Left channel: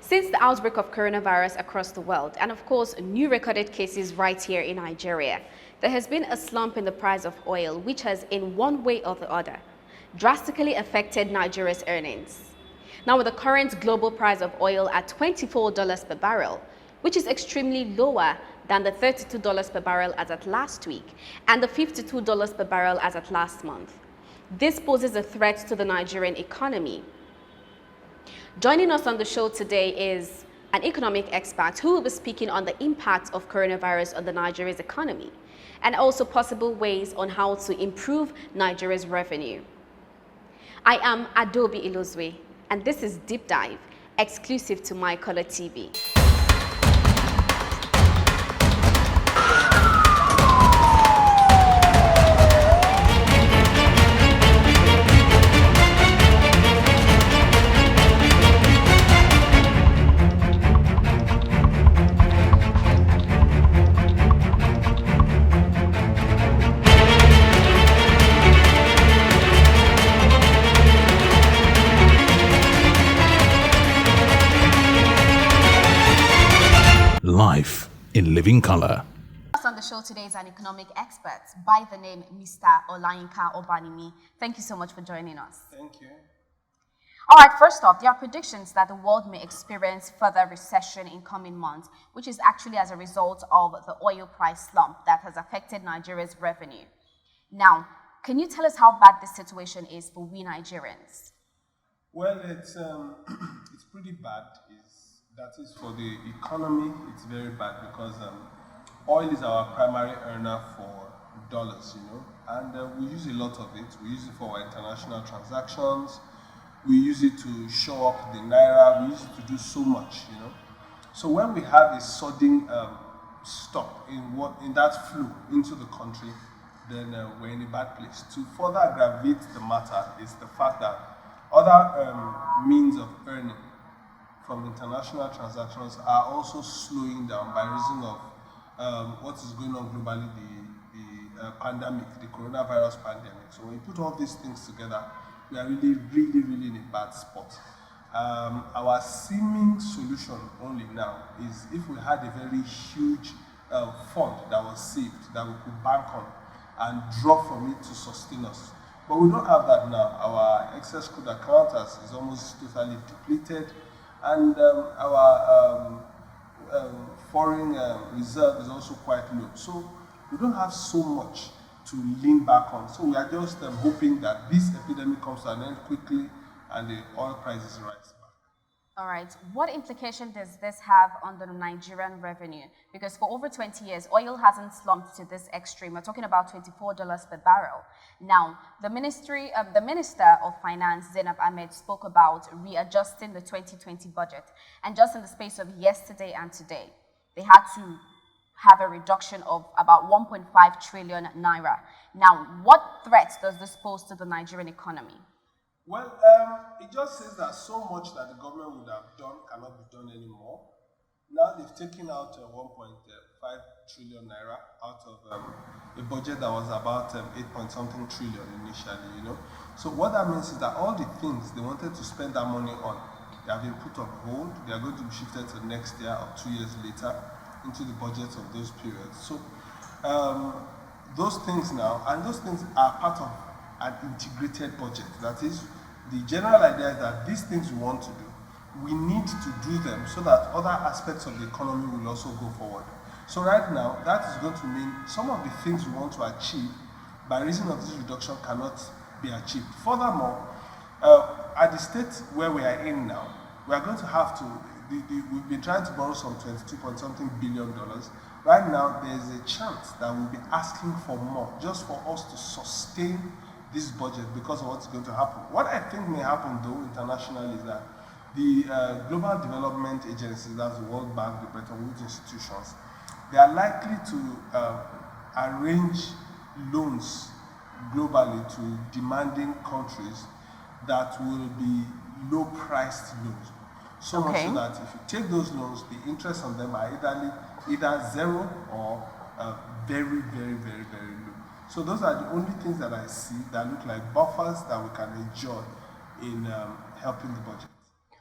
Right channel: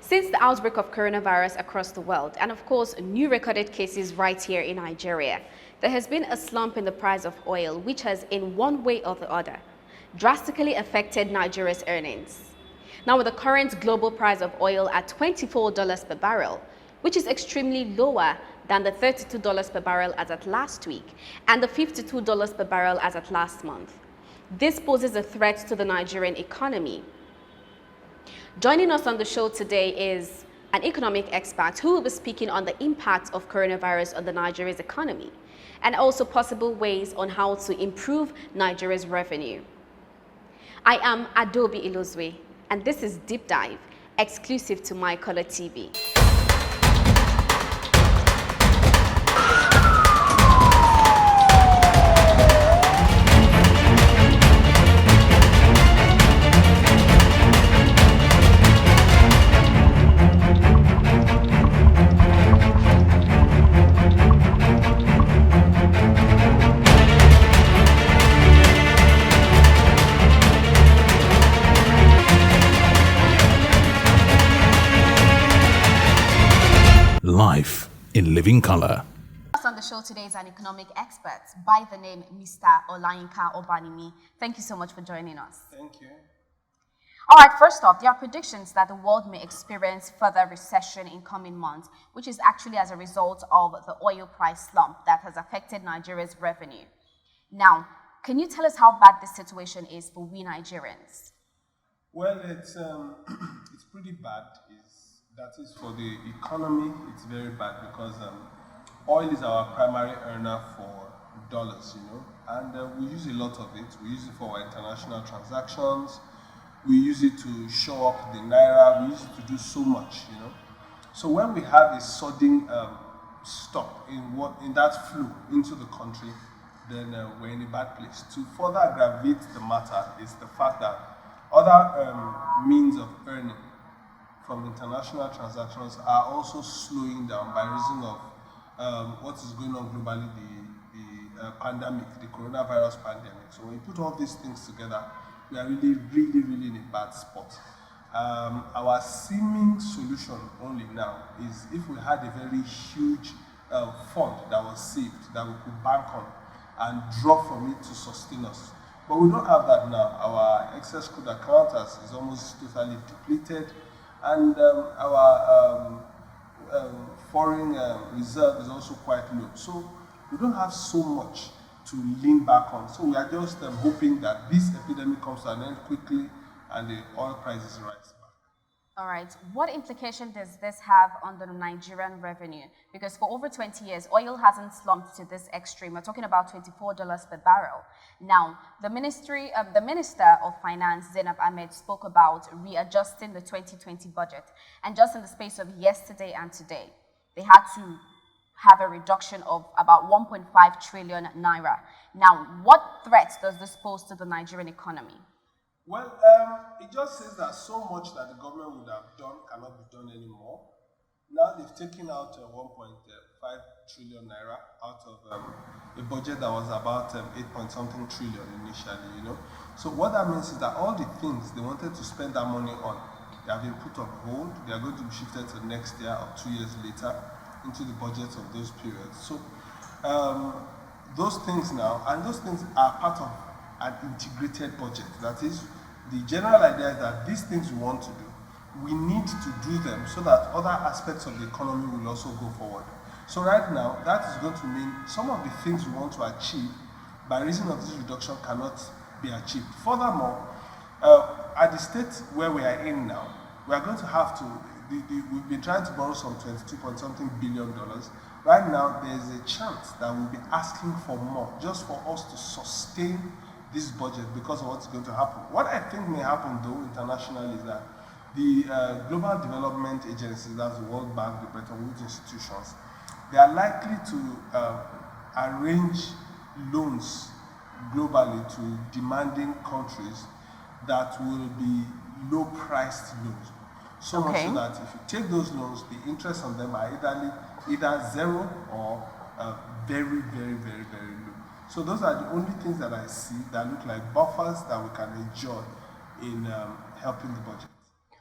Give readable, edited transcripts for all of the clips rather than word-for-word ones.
Since the outbreak of coronavirus across the world, and of course, new recorded cases right here in Nigeria, there has been a slump in the price of oil, which has, in one way or the other, drastically affected Nigeria's earnings. Now, with the current global price of oil at $24 per barrel, which is extremely lower than the $32 per barrel as at last week and the $52 per barrel as at last month, this poses a threat to the Nigerian economy. Joining us on the show today is an economic expert who will be speaking on the impact of coronavirus on the Nigeria's economy and also possible ways on how to improve Nigeria's revenue. I am Adaobi Ilozue, and this is Deep Dive, exclusive to My Color TV. Life in living color. On the show today is an economic expert by the name Mr. Olayinka Obanimi. Thank you so much for joining us. Thank you. All right, first off, there are predictions that the world may experience further recession in coming months, which is actually as a result of the oil price slump that has affected Nigeria's revenue. Now, can you tell us how bad this situation is for we Nigerians? Well, it's pretty bad. That is for the economy, it's very bad because oil is our primary earner for dollars, and we use a lot of it. We use it for our international transactions. We use it to show up the naira. We use it to do so much, So when we have a sudden stop in that flow into the country, then we're in a bad place. To further aggravate the matter is the fact that other means of earning from international transactions are also slowing down by reason of what is going on globally, the pandemic, the coronavirus pandemic. So when you put all these things together, we are really in a bad spot. Our seeming solution only now is if we had a very huge fund that was saved, that we could bank on and draw from it to sustain us. But we don't have that now. Our excess crude account is almost totally depleted. And our foreign reserve is also quite low. So we don't have so much to lean back on. So we are just hoping that this epidemic comes to an end quickly and the oil prices rise back. All right. What implication does this have on the Nigerian revenue? Because for over 20 years, oil hasn't slumped to this extreme. We're talking about $24 per barrel. Now, the Minister of Finance, Zainab Ahmed, spoke about readjusting the 2020 budget. And just in the space of yesterday and today, they had to have a reduction of about 1.5 trillion naira. Now, what threat does this pose to the Nigerian economy? Well, it just says that so much that the government would have done cannot be done anymore. Now they've taken out 1.5 trillion naira out of a budget that was about 8-point-something trillion initially, So what that means is that all the things they wanted to spend that money on, they have been put on hold. They are going to be shifted to next year or 2 years later into the budgets of those periods. So those things now, and those things are part of an integrated budget. That is, the general idea is that these things we want to do, we need to do them so that other aspects of the economy will also go forward. So right now, that is going to mean some of the things we want to achieve by reason of this reduction cannot be achieved. Furthermore, at the state where we are in now, we are going to have to, we've been trying to borrow some $22-point-something billion. Right now, there's a chance that we'll be asking for more just for us to sustain this budget because of what's going to happen. What I think may happen though internationally is that the global development agencies, that's the World Bank, the Bretton Woods institutions, they are likely to arrange loans globally to demanding countries that will be low-priced loans. So much so that if you take those loans, the interest on them are either zero or very low. So those are the only things that I see that look like buffers that we can enjoy in helping the budget.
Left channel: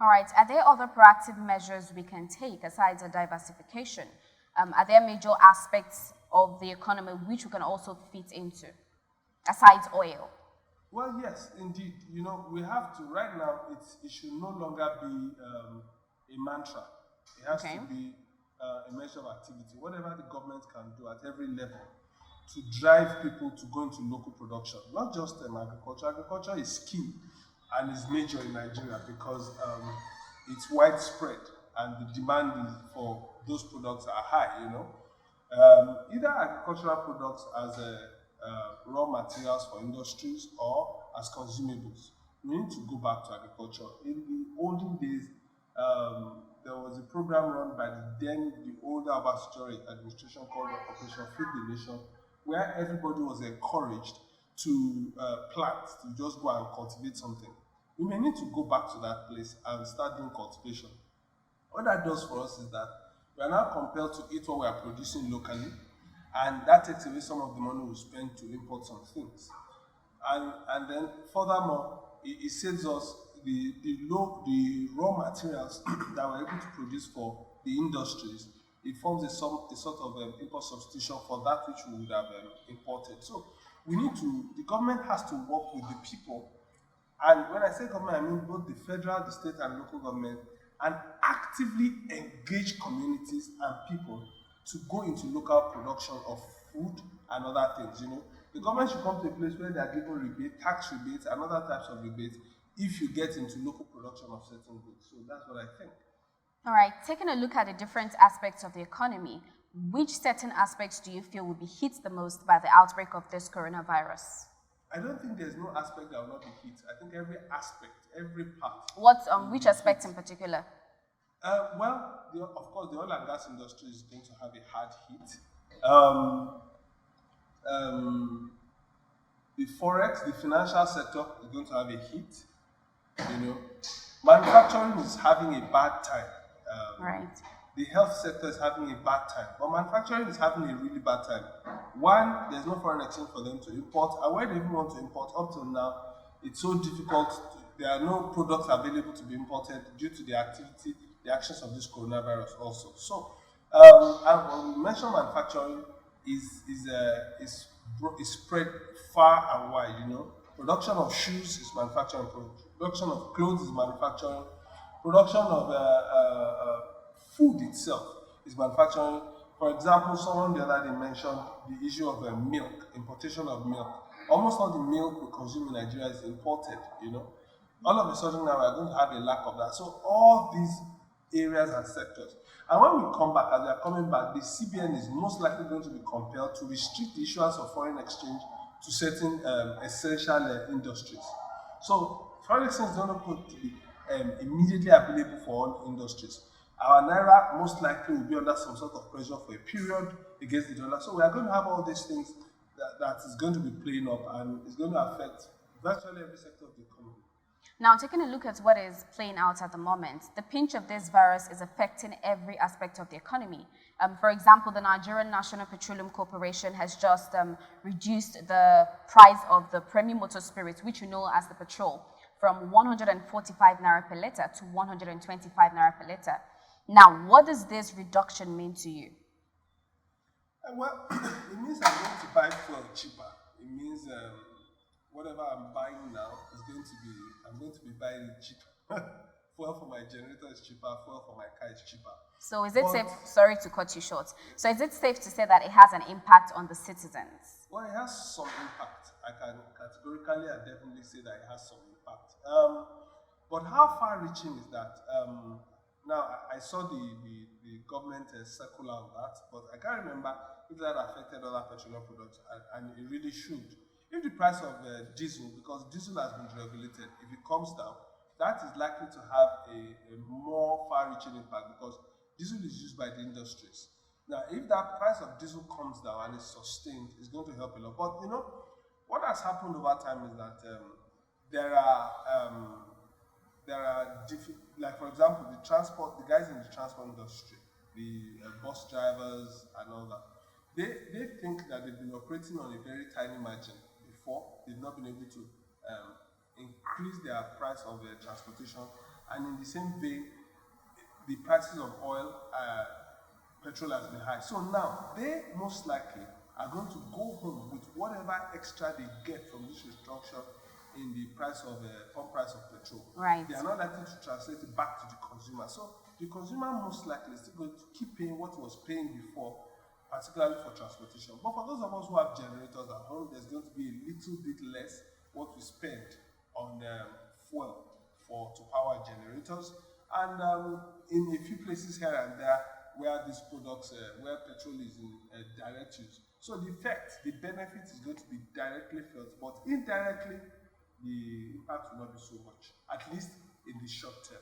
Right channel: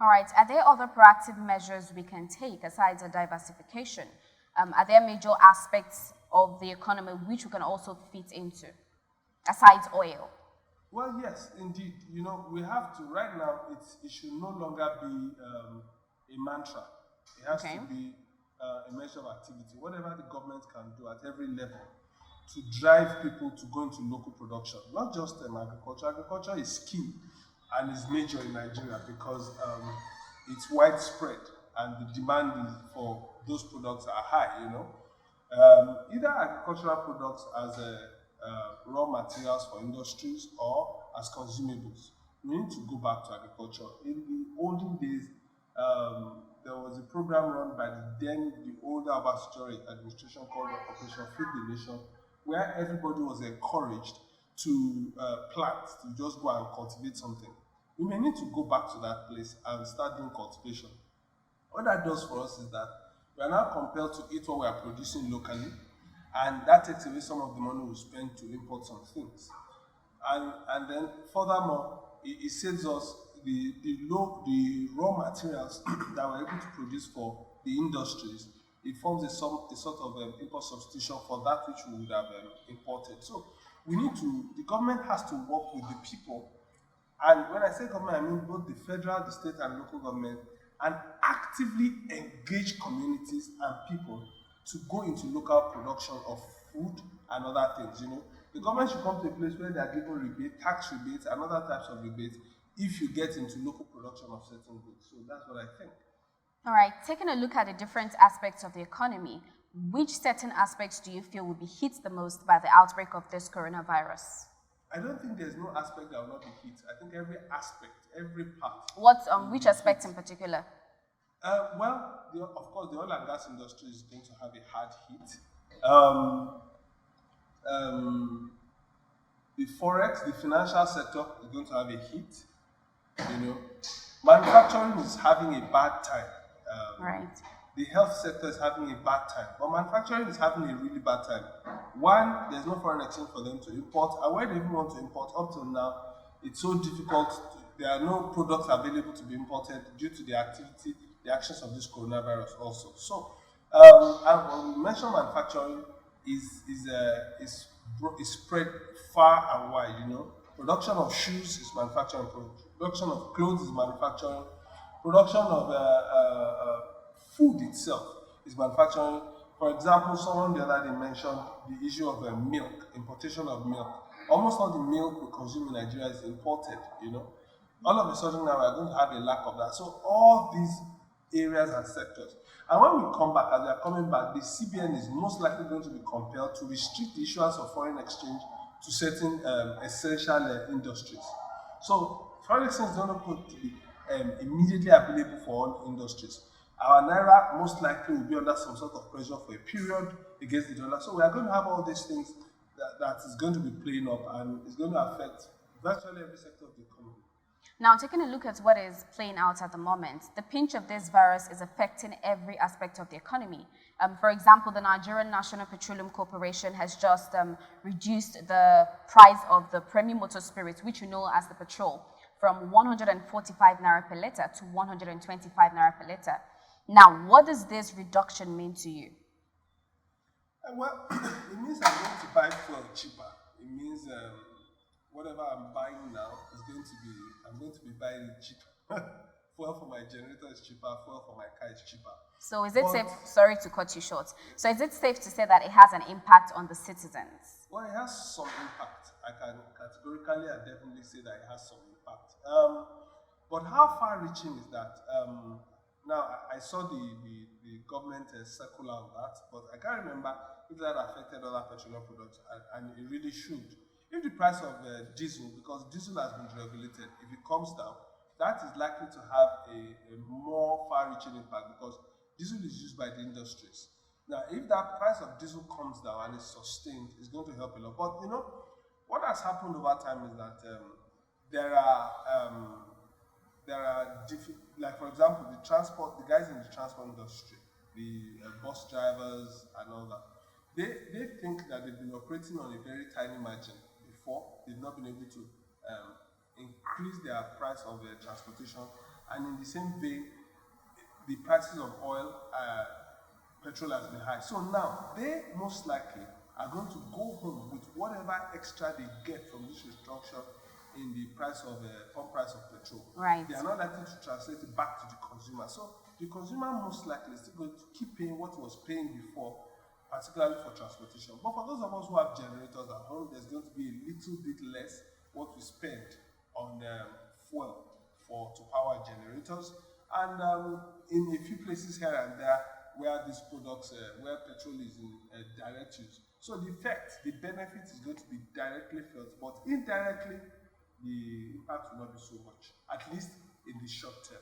All right. Are there other proactive measures we can take aside the diversification? Are there major aspects of the economy which we can also fit into, aside oil? Well, yes, indeed. You know, we have to, right now, it should no longer be a mantra. It has Okay. to be a measure of activity. Whatever the government can do at every level to drive people to go into local production, not just agriculture. Agriculture is key and is major in Nigeria because it's widespread and the demand for those products are high, you know. Either agricultural products as raw materials for industries or as consumables. We need to go back to agriculture. In the olden days, there was a program run by the older Abasitore administration called Operation Feed the Nation, where everybody was encouraged to plant, to just go and cultivate something. We may need to go back to that place and start doing cultivation. What that does for us is that we are now compelled to eat what we are producing locally, and that takes away some of the money we spend to import some things. And then furthermore, it saves us the raw materials that we're able to produce for the industries. It forms a sort of import substitution for that which we would have imported. So the government has to work with the people, and when I say government, I mean both the federal, the state, and local government, and actively engage communities and people to go into local production of food and other things. You know, the government should come to a place where they are given rebate, tax rebates, and other types of rebates if you get into local production of certain goods. So that's what I think. All right. Taking a look at the different aspects of the economy, which certain aspects do you feel will be hit the most by the outbreak of this coronavirus? I don't think there's no aspect that will not be hit. I think every aspect, every part. Which aspect in particular? Of course, the oil and gas industry is going to have a hard hit. The forex, the financial sector is going to have a hit. You know, manufacturing is having a bad time. Right. The health sector is having a bad time, but manufacturing is having a really bad time. One, there's no foreign exchange for them to import, and where they even want to import up till now, it's so difficult. There are no products available to be imported due to the actions of this coronavirus also. So, and when we mention manufacturing, is spread far and wide. You know, production of shoes is manufacturing, production of clothes is manufacturing, production of food itself is manufacturing. For example, someone the other day mentioned the issue of milk, importation of milk. Almost all the milk we consume in Nigeria is imported, you know. All of a sudden now we're going to have a lack of that. So all these areas and sectors. And when we come back, as we are coming back, the CBN is most likely going to be compelled to restrict the issuance of foreign exchange to certain essential industries. So foreign exchange is not going to be immediately available for all industries. Our naira most likely will be under some sort of pressure for a period against the dollar. So we are going to have all these things that is going to be playing up, and it's going to affect virtually every sector of the economy. Now, taking a look at what is playing out at the moment, the pinch of this virus is affecting every aspect of the economy. For example, the Nigerian National Petroleum Corporation has just reduced the price of the premium motor spirit, which you know as the petrol, from 145 naira per liter to 125 naira per liter. Now, what does this reduction mean to you? Well, it means I'm going to buy fuel cheaper. It means whatever I'm buying now I'm going to be buying it cheaper. Fuel for my generator is cheaper, fuel for my car is cheaper. So is it safe, sorry to cut you short, so is it safe to say that it has an impact on the citizens? Well, it has some impact. I can categorically and definitely say that it has some impact. But how far-reaching is that? Now, I saw the government circular on that, but I can't remember if that affected other petroleum products, and it really should. If the price of diesel, because diesel has been regulated, if it comes down, that is likely to have a more far-reaching impact because diesel is used by the industries. Now, if that price of diesel comes down and is sustained, it's going to help a lot. But you know, what has happened over time is that there are like for example, the guys in the transport industry, the bus drivers and all that, they think that they've been operating on a very tiny margin before. They've not been able to increase their price of transportation And in the same vein, the prices of oil, petrol has been high. So now they most likely are going to go home with whatever extra they get from this reduction in the price of pump price of petrol. Right. They are not likely to translate it back to the consumer. So the consumer most likely is still going to keep paying what he was paying before, particularly for transportation. But for those of us who have generators at home, there's going to be a little bit less what we spend on fuel to power generators. And in a few places here and there where these products, where petrol is in direct use. So the effect, the benefit is going to be directly felt, but indirectly, the impact will not be so much, at least in the short term.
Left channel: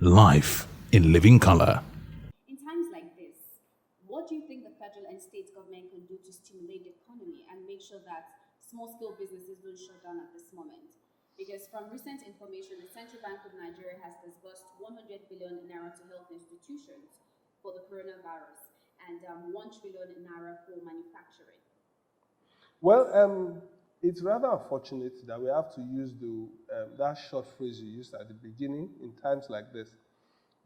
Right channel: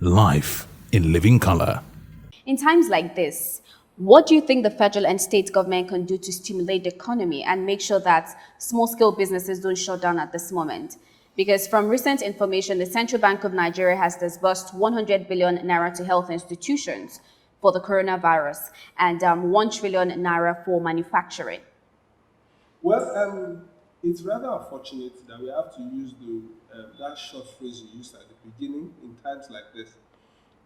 Life in living color. In times like this, what do you think the federal and state government can do to stimulate the economy and make sure that small-scale businesses don't shut down at this moment? Because from recent information, the Central Bank of Nigeria has disbursed 100 billion naira to health institutions for the coronavirus and 1 trillion naira for manufacturing. Well, it's rather unfortunate that we have to use that short phrase you used at the beginning in times like this.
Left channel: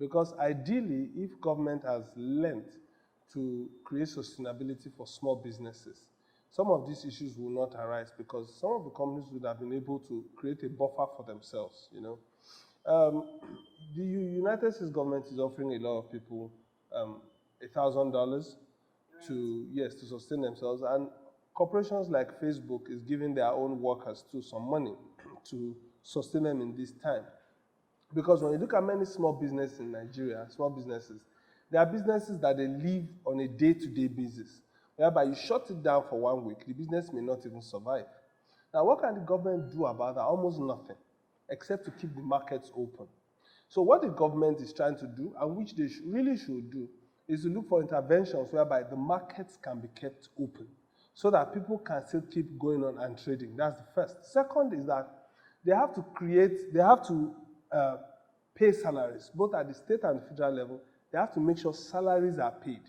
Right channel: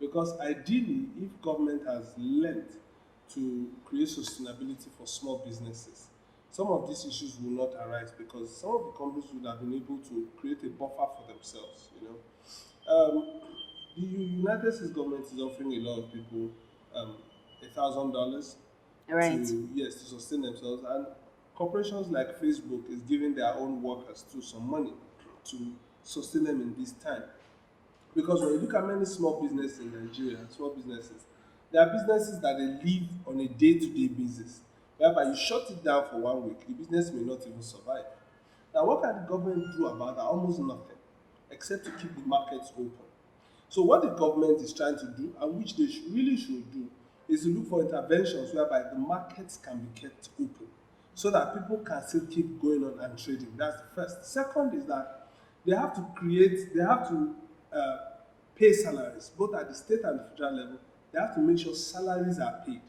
Because ideally, if government has learned to create sustainability for small businesses, some of these issues will not arise because some of the companies would have been able to create a buffer for themselves, The United States government is offering a lot of people $1,000 Right. to sustain themselves, and corporations like Facebook is giving their own workers too some money to sustain them in this time. Because when you look at many small businesses in Nigeria, there are businesses that they live on a day-to-day basis, whereby you shut it down for 1 week, the business may not even survive. Now, what can the government do about that? Almost nothing, except to keep the markets open. So what the government is trying to do, and which they really should do, is to look for interventions whereby the markets can be kept open so that people can still keep going on and trading. That's the first. Second is that they have to pay salaries, both at the state and federal level. They have to make sure salaries are paid.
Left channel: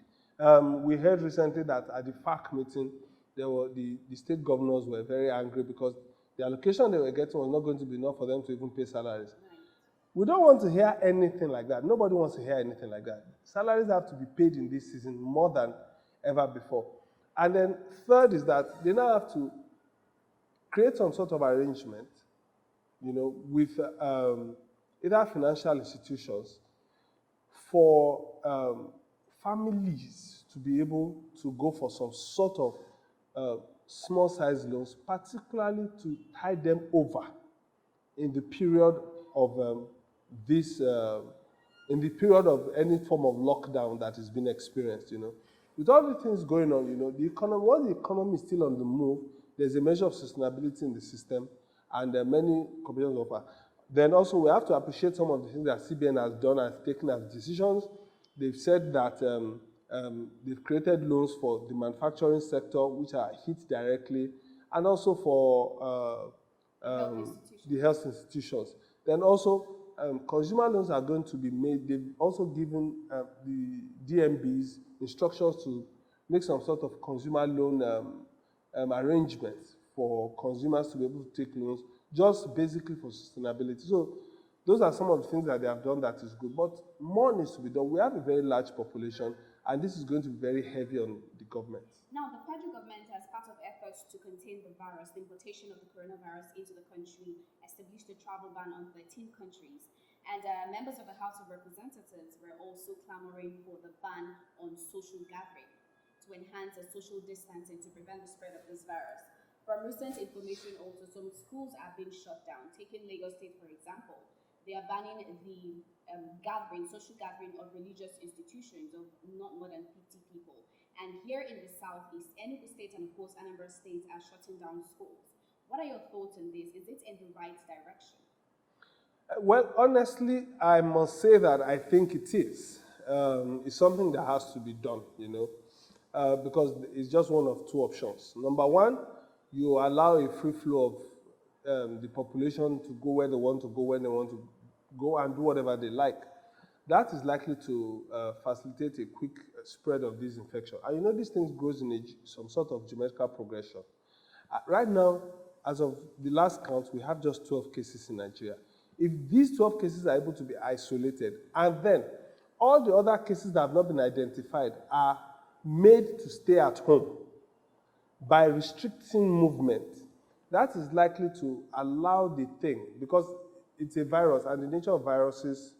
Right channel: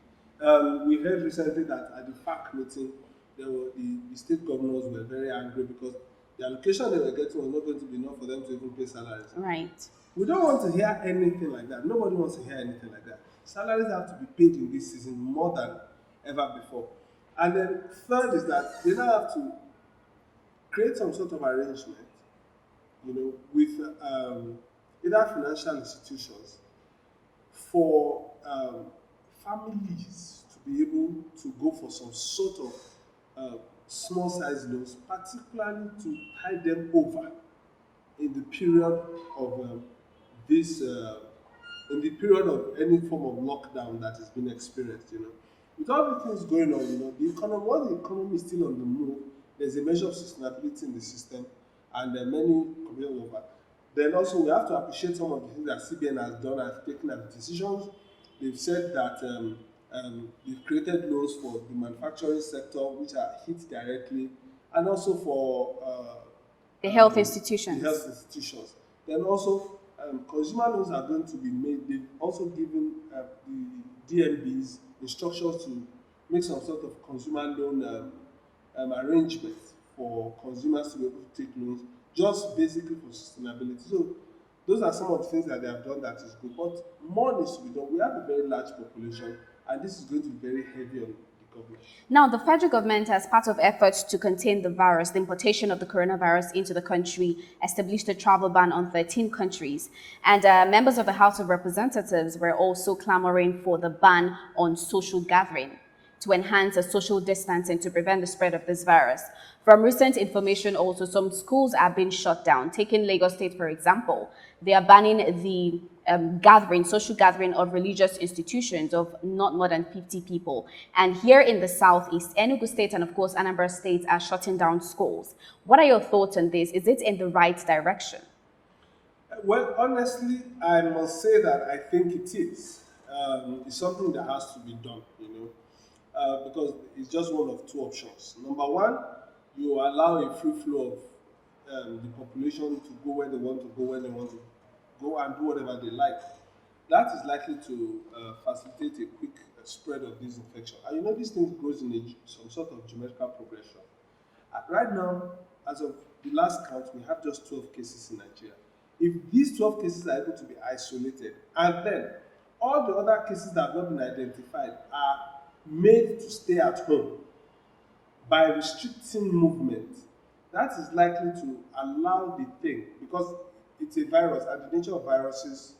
We heard recently that at the FAC meeting, the state governors were very angry because the allocation they were getting was not going to be enough for them to even pay salaries. Right. We don't want to hear anything like that. Nobody wants to hear anything like that. Salaries have to be paid in this season more than ever before. And then third is that they now have to create some sort of arrangement, with either financial institutions for families to be able to go for some sort of small size loans, particularly to tide them over in the period of in the period of any form of lockdown that is being experienced. With all the things going on, the economy, once the economy is still on the move, there's a measure of sustainability in the system, and there are many companies offer. Then also we have to appreciate some of the things that CBN has done and taken as decisions. They've said that they've created loans for the manufacturing sector, which are hit directly, and also for The health institutions. The health institutions. Then also, consumer loans are going to be made. They've also given the DNBs instructions to make some sort of consumer loan arrangements for consumers to be able to take loans, just basically for sustainability. So those are some of the things that they have done that is good, but more needs to be done. We have a very large population, and this is going to be very heavy on the government. Now, the federal government, as part of efforts to contain the virus, the importation of the coronavirus into the country, established a travel ban on 13 countries. And members of the House of Representatives were also clamoring for the ban on social gathering to enhance social distancing to prevent the spread of this virus. From recent information also, some schools are being shut down. Taking Lagos State, for example, they are banning the social gathering of religious institutions of not more than 50 people. And here in the southeast, Enugu State and of course Anambra State are shutting down schools. What are your thoughts on this? Is it in the right direction? Well, honestly, I must say that I think it is. It's something that has to be done, because it's just one of two options. Number one, you allow a free flow of the population to go where they want to go, when they want to go, and do whatever they like. That is likely to facilitate a quick spread of this infection. And these things grows in some sort of geometrical progression. Right now, as of the last count, we have just 12 cases in Nigeria. If these 12 cases are able to be isolated, and then all the other cases that have not been identified are made to stay at home by restricting movement, that is likely to allow the thing, because it's a virus and the nature of viruses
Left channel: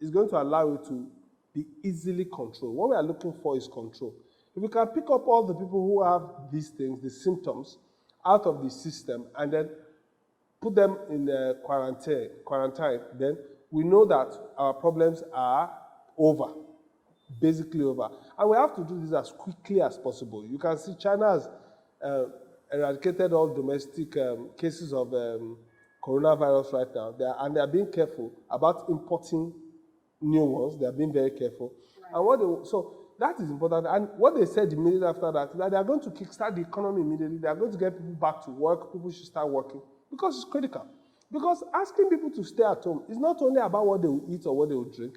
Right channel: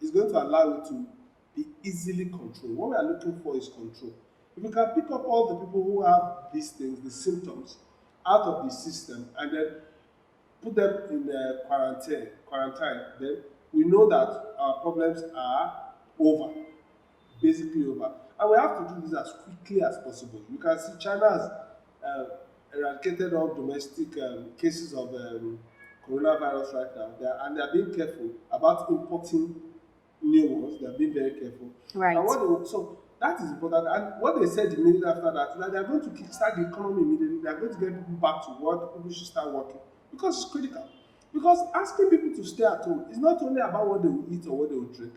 is going to allow you to be easily controlled. What we are looking for is control. If we can pick up all the people who have these things, the symptoms, out of the system, and then put them in quarantine, then we know that our problems are over, basically over. And we have to do this as quickly as possible. You can see China has eradicated all domestic cases of coronavirus right now, and they are being careful about importing new ones. They are being very careful. Right. And so that is important. And what they said immediately after that is that they are going to kickstart the economy immediately. They are going to get people back to work. People should start working because it's critical. Because asking people to stay at home is not only about what they will eat or what they will drink.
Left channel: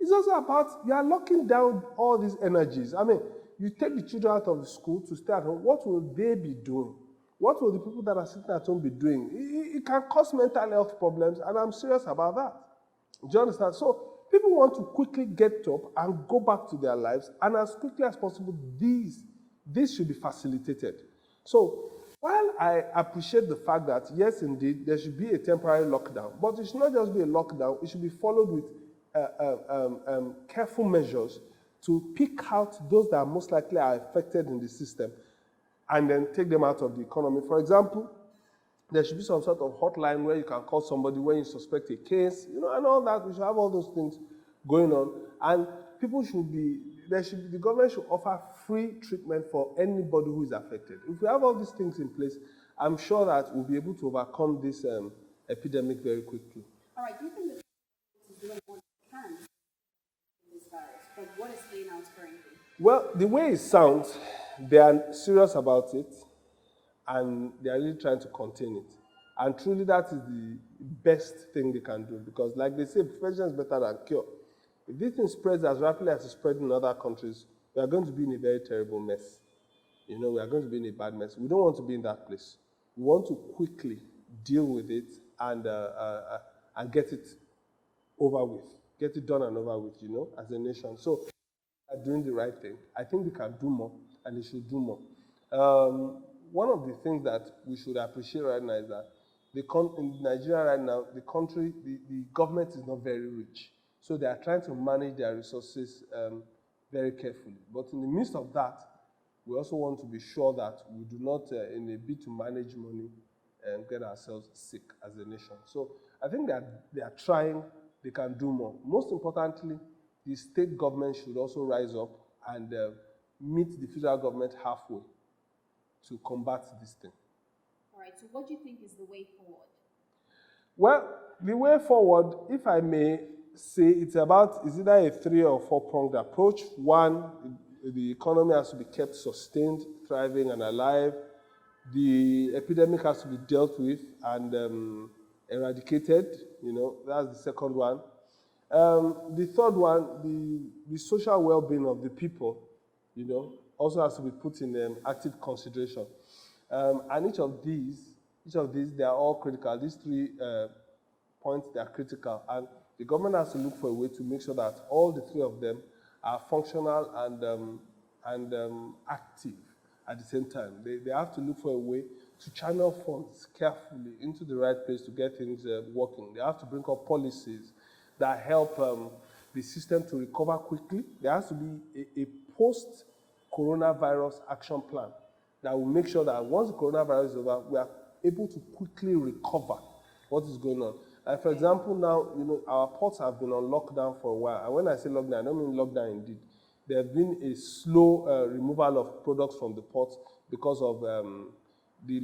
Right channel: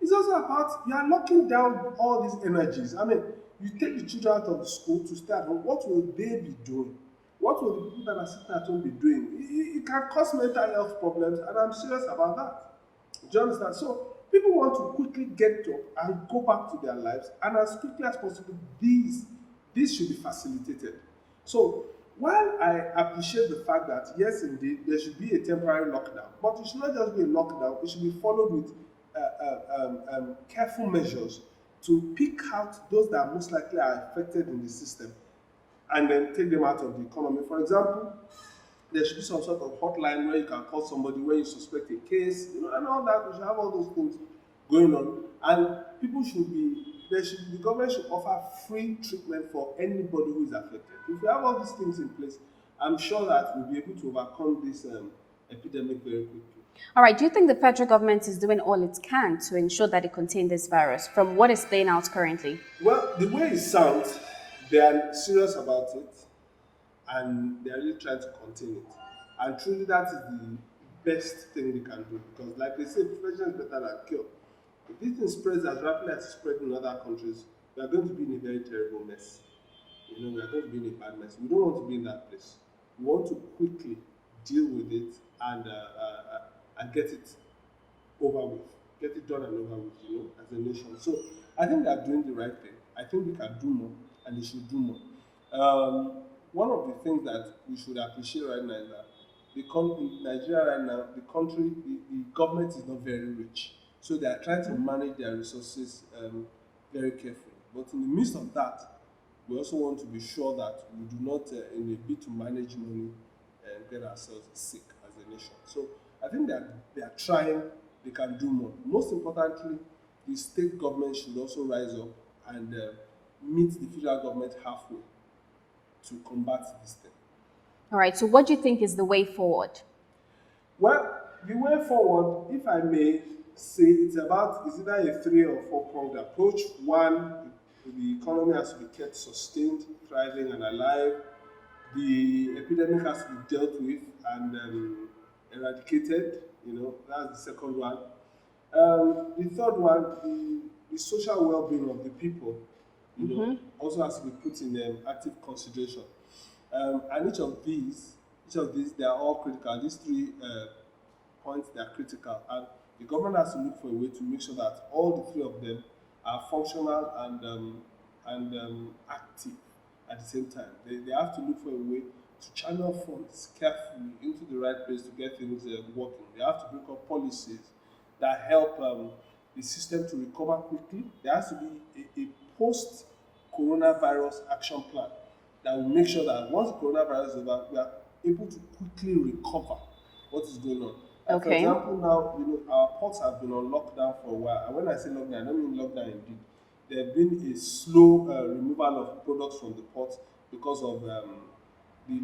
It's also about, you are locking down all these energies. I mean, you take the children out of the school to stay at home. What will they be doing? What will the people that are sitting at home be doing? It can cause mental health problems, and I'm serious about that. Do you understand? So people want to quickly get up and go back to their lives, and as quickly as possible, this should be facilitated. So while I appreciate the fact that, yes, indeed, there should be a temporary lockdown, but it should not just be a lockdown, it should be followed with careful measures to pick out those that most likely are affected in the system and then take them out of the economy. For example, there should be some sort of hotline where you can call somebody when you suspect a case, and all that. We should have all those things going on. And people the government should offer free treatment for anybody who is affected. If we have all these things in place, I'm sure that we'll be able to overcome this epidemic very quickly. All right. Do you think the federal government is doing all it can to ensure that it contains this virus from what is playing out currently? Well, the way it sounds, they are serious about it, and they are really trying to contain it. And truly, that is the best thing we can do, because like they say, prevention is better than cure. If this thing spreads as rapidly as it's spreading in other countries, we are going to be in a very terrible mess. We are going to be in a bad mess. We don't want to be in that place. We want to quickly deal with it and get it over with, get it done and over with, as a nation. So I think they are doing the right thing. I think we can do more, and they should do more. One of the things that we should appreciate right now is that in Nigeria right now, the government is not very rich. So they are trying to manage their resources very carefully. But in the midst of that, we also want to be sure that we do not, in a bid to manage money, get ourselves sick as a nation. So I think that they are trying, they can do more. Most importantly, the state government should also rise up and meet the federal government halfway to combat this thing. All right. So what do you think is the way forward? Well, the way forward, if I may say, it's either a 3 or 4-pronged approach. One, the economy has to be kept sustained, thriving, and alive. The epidemic has to be dealt with and eradicated. That's the second one. The third one, the social well-being of the people, also has to be put in active consideration. And each of these, they are all critical. These 3 points, they are critical. And the government has to look for a way to make sure that all the 3 of them are functional and active at the same time. They have to look for a way to channel funds carefully into the right place to get things working. They have to bring up policies that help the system to recover quickly. There has to be a post-coronavirus action plan that will make sure that once the coronavirus is over, we are able to quickly recover what is going on. Like Okay. For example, now, our ports have been on lockdown for a while. And when I say lockdown, I don't mean lockdown indeed. There have been a slow removal of products from the ports because of the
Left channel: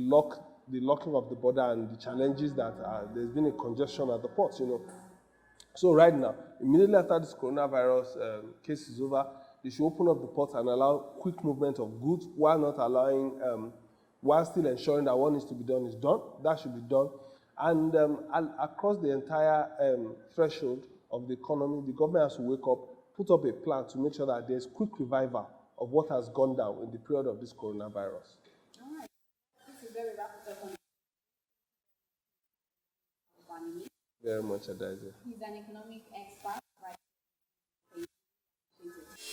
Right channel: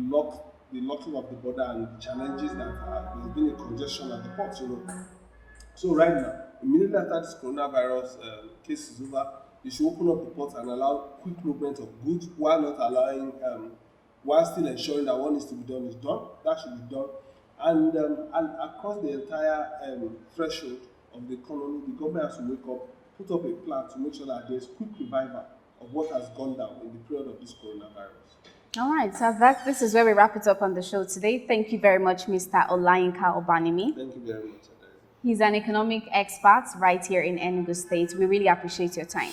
the locking of the border and the challenges that there's been a congestion at the ports, So right now, immediately after this coronavirus case is over, they should open up the ports and allow quick movement of goods while not allowing, while still ensuring that what needs to be done is done. That should be done. And across the entire threshold of the economy, the government has to wake up, put up a plan to make sure that there's quick revival of what has gone down in the period of this coronavirus. All right, so this is where we wrap it up on the show today. Thank you very much, Mr. Olayinka Obanimi. Thank you very much, Adaobi. He's an economic expert right here in Enugu State. We really appreciate your time.